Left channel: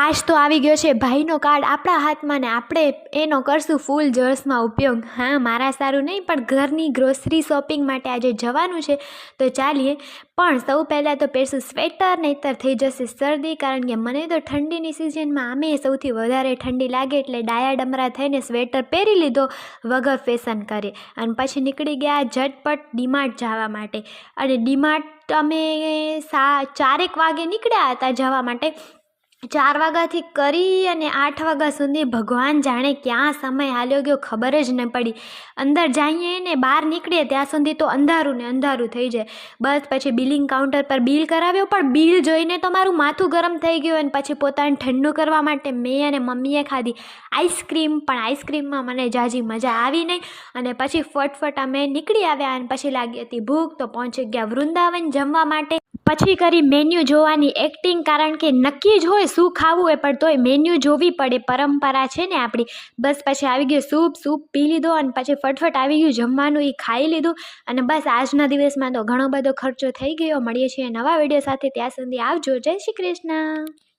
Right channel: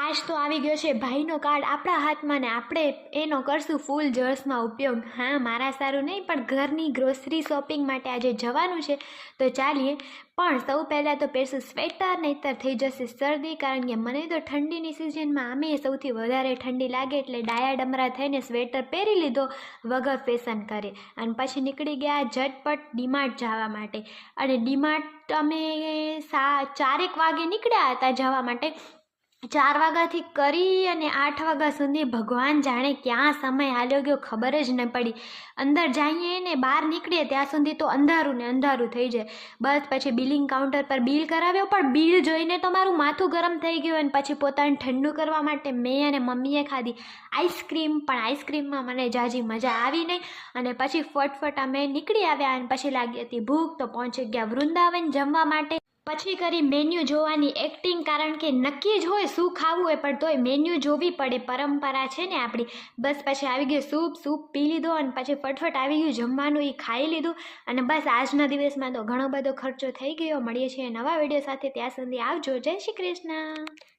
આજ તો આવી ગયો છે ભાઈનો કાર્ડ આપણા હાથમાં ને આપણે એનો કરશું ફૂલ જોશમાં ઉપયોગ. હા, મારા સારું નહીં પણ ઘરની ગ્રોસરી શોપિંગ માટે આજે જવાનું છે તો ચાલીએ. પણ સૌ પહેલાં તો પહેરશું સ્વેટર, નહીંતર થઈ જશે શરદી. કારણ કે મને તો ઠંડીની સિઝનમાં આમે સૌથી વધારે ઠંડી લાગે એટલે ડાયા ડમરા થઈને સ્વેટર પહેરી લીધો વગર ફેશન કરે અને પછી નીકળી ગયા ઝટપટ ડીમાર્ટ જવા માટે. અને ડીમાર્ટ અમે 4 વાગે નીકળ્યા હતા જવા માટે. 4 વાગ્યાથી કરી અને 8 વાગ્યા સુધી ભગવાન જાણે ક્યાં સમય હાલ્યો ગયો ખબર જ ન પડી. અંદર જઈએ ને બહાર નીકળીએ ત્યાં સુધી તો અંધારું ને અંધારું થઈ જાય. બસ પછી બિલિંગ કાઉન્ટર પર બિલ કરાવ્યો પણ બિલ જોઈને તો મારું માથું ગરમ થઈ ગયું. અને પછી પોતાને ઠંડુ કરવા માટે મેં અને મમ્મીએ ખાધી આઈસ્ક્રીમ. પણ આઈસ્ક્રીમમાં મને જાજી મજા આવી નહીં. અને પછી ફટફટ અમે નીકળી આવ્યા અને પછી લાગી હતી ભૂખ તો પહોંચી ગયા વૃંદાવન જમવા માટે. પછી કરી મેન્યુ જોવાની એક્ટિંગ, કારણ કે નક્કી જ હોય શું ખાવું હોય પણ તોય મેન્યુ જોવી પડે, પરંપરા છે ને આપણી. બસ પછી આવી ગયું સૂપ પી લીધો અને પછી ફટફટ આવી ગયું જમવાનું, એ ખાઈ લીધું. અને બસ આજના દિવસમાં તો ઘણો બધો ખર્ચો થઈ ગયો. મળીએ છીએ નવા વિડીયો સાથે, ત્યાં સુધી આવજો. જય શ્રી કૃષ્ણ.